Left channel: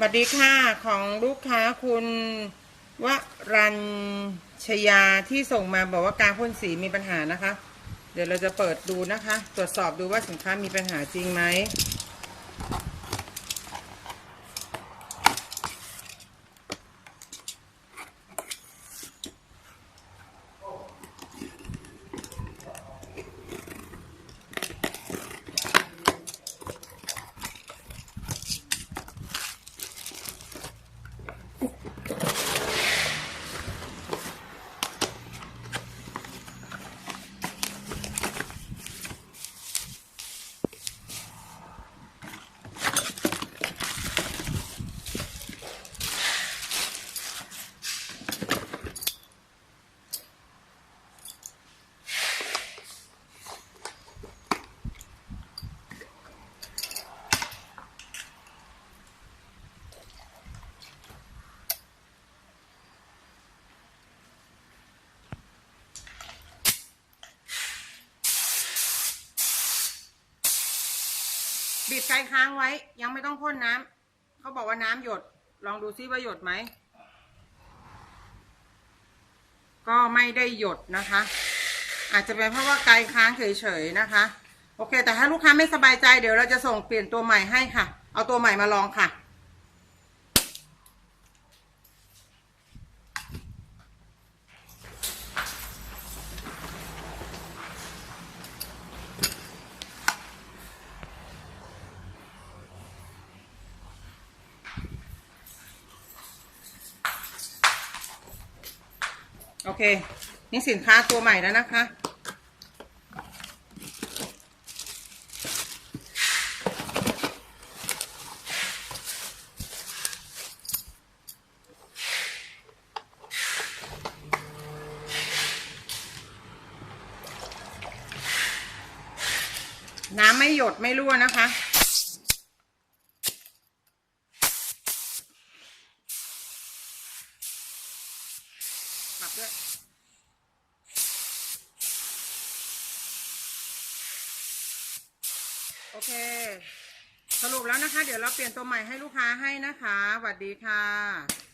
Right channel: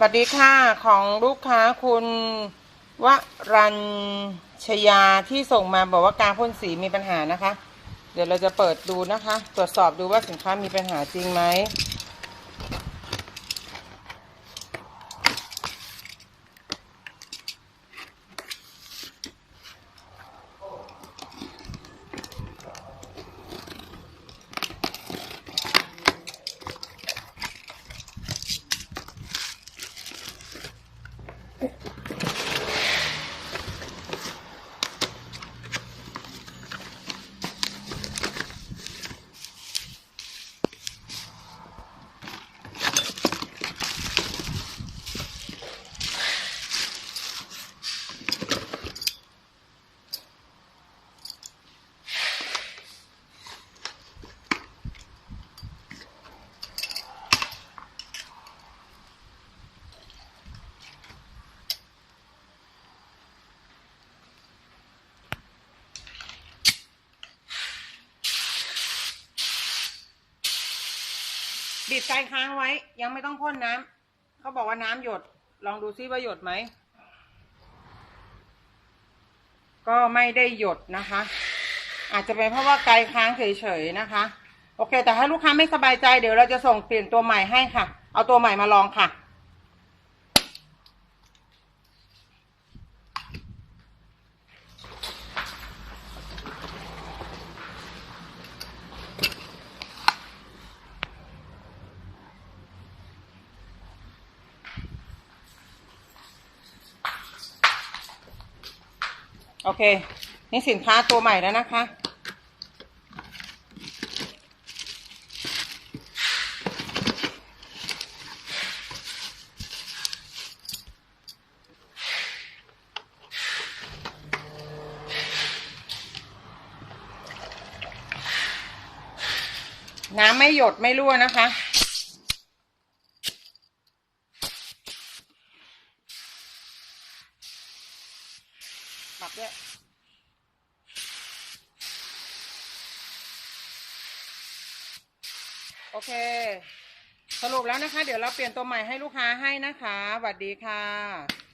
สวัสดีค่ะของลูกค้าคุณวรัญชยาที่ส่งมาบอกว่ากาพ่นสีมีปัญหานะคะ เดี๋ยวเราจะเปิดดูนะคะ ตรวจสอบดูว่าสินค้ามีปัญหาจริงไหม บีบไกค้างไว้ ยังไม่ต้องพ่นน้ำเขาบอกว่าน้ำหยด ลองดูซิว่าหยดไหม ก็ไม่ได้หยดนะคะ อาจจะเป็นเพราะว่าไกลค้างเฉยๆนะคะ โอเค แต่ถ้าลูกค้าไม่สบายใจเดี๋ยวเราจะส่งเปลี่ยนตัวใหม่ให้ค่ะ เอาตัวใหม่มาลองค่ะ เค นี่สินค้าตัวใหม่แล้วนะคะ น้ำไม่หยดไม่รั่วนะคะับด้วยโอเค สรุปแล้วนะคะ เดี๋ยวเราเปลี่ยนตัวใหม่ให้ลูกค้าให้นะคะสวัสดีค่ะ